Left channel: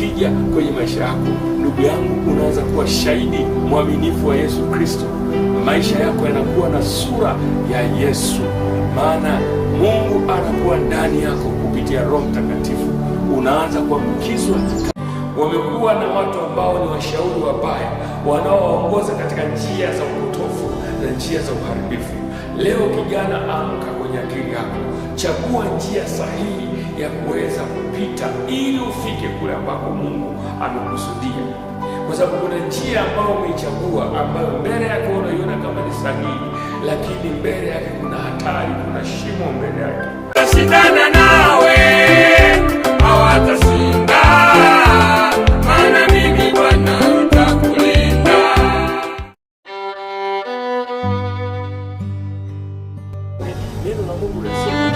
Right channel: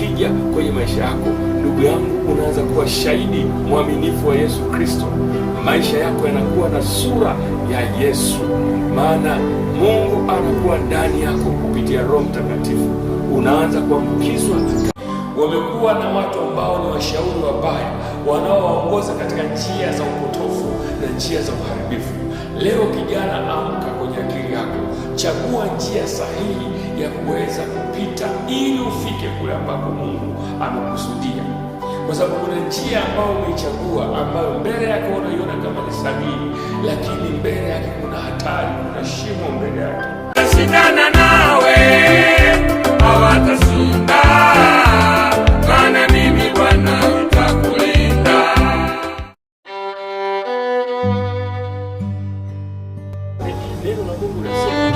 ukija kwenye maisha yako, ndugu yangu, unaanza kuwa shahidi mwaminifu wa Yesu Kristo. Maisha yako yanakuwa na sura ya Yesu, maana Mungu anakuwa ndani yako kupitia Roho Mtakatifu. Unaanza kuambukizwa. Wamekuwa na watu ambao ni washauri wabaya, wanaowaongoza katika njia za upotofu na njia za uharibifu. Leo kijana, amka kwenye akili yako, chagua njia sahihi ya kuweza kupita ili ufike kule ambako Mungu amekusudia, kwa sababu kuna njia ambayo umeichagua, ambayo mbele yako unaiona kama ni sahihi, lakini mbele yake kuna hatari, kuna shimo mbele yake. Shindana nawe hawatashinda, maana mimi Bwana nitakulinda. Neno la Mungu linasema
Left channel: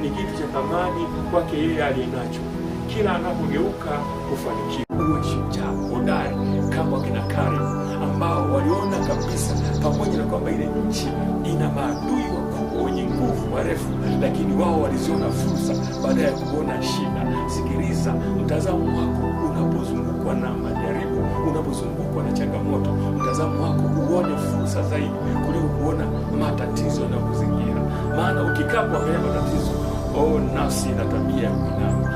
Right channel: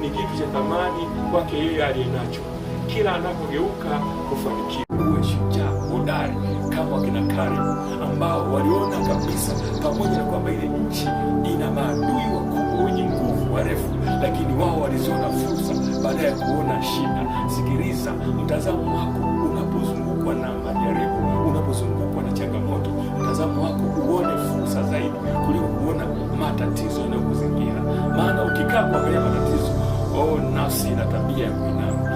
ni kitu cha thamani kwake yeye aliyenacho, kila anapogeuka kufanikiwa. Uwe shujaa hodari kama wakina Kalebu, ambao waliona kabisa, pamoja na kwamba ile nchi ina maadui wakubwa wenye nguvu warefu, lakini wao waliziona fursa baada ya kuona shida. Sikiliza, mtazamo wako unapozungukwa na majaribu, unapozungukwa na changamoto, mtazamo wako uone fursa zaidi kuliko kuona matatizo yanayokuzingira. Maana ukikaa kuangalia matatizo, nafsi ina tabia ya kuinama.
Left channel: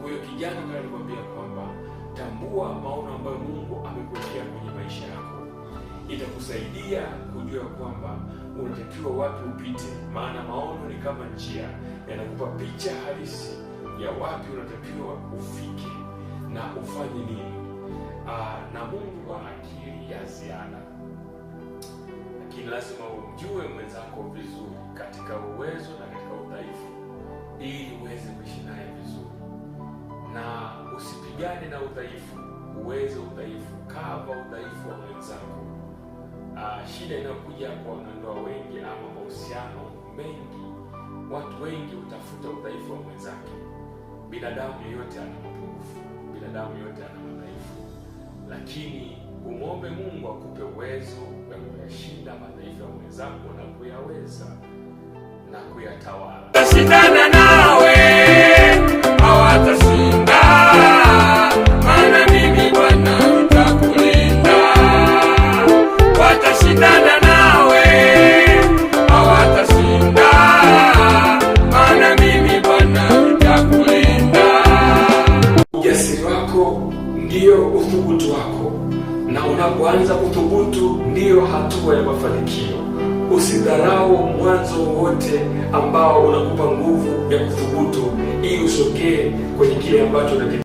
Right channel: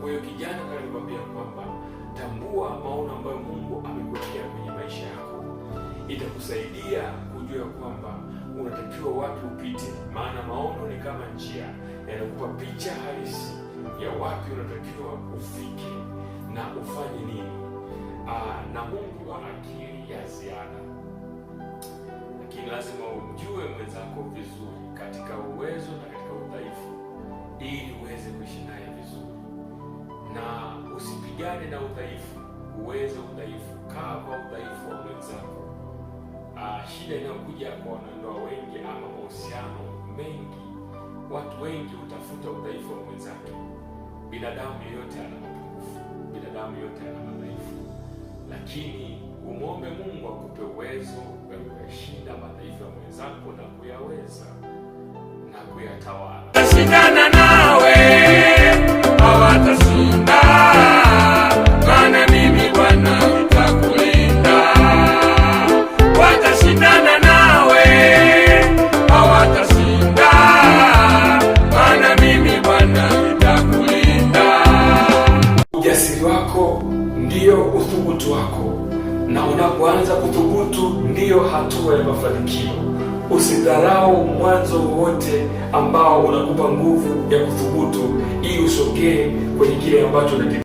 Kwa hiyo kijana, kama nilikwambia kwamba tambua maono ambayo Mungu amekuwekea kwenye maisha yako. Itakusaidia kujua kwamba unatakiwa wapi upite, maana maono ni kama njia, yanakupa picha halisi ya wapi unatakiwa ufike na ufanye nini. Na Mungu ana akili ya ziada, lakini lazima umjue mwenzako vizuri katika uwezo na katika udhaifu, ili uweze kuishi naye vizuri. Na usipigane na udhaifu, uweze udhaifu, kava udhaifu wa mwenzako. Shida inayokuja kwa wanandoa wengi ama mahusiano mengi, watu wengi utafuta udhaifu wa mwenzake. Binadamu yeyote ana mapungufu, binadamu yeyote ana madhaifu, lakini umwombe Mungu akupe uwezo wa kuyashinda madhaifu ya mwenzako na kuyaweza na kuyatawala. Shindana nawe hawatashinda, maana mimi Bwana nitakulinda. Watashindana nawe hawatashinda, maana mimi Bwana nitakulinda. Ujasiri wako ndio uthubutu wako, na unapoanza kuthubutu ndiyo hatua ya mafanikio. Usidharau mwanzo wote ambao unakupa nguvu ya kuthubutu, ili usogee kwenye kile ambacho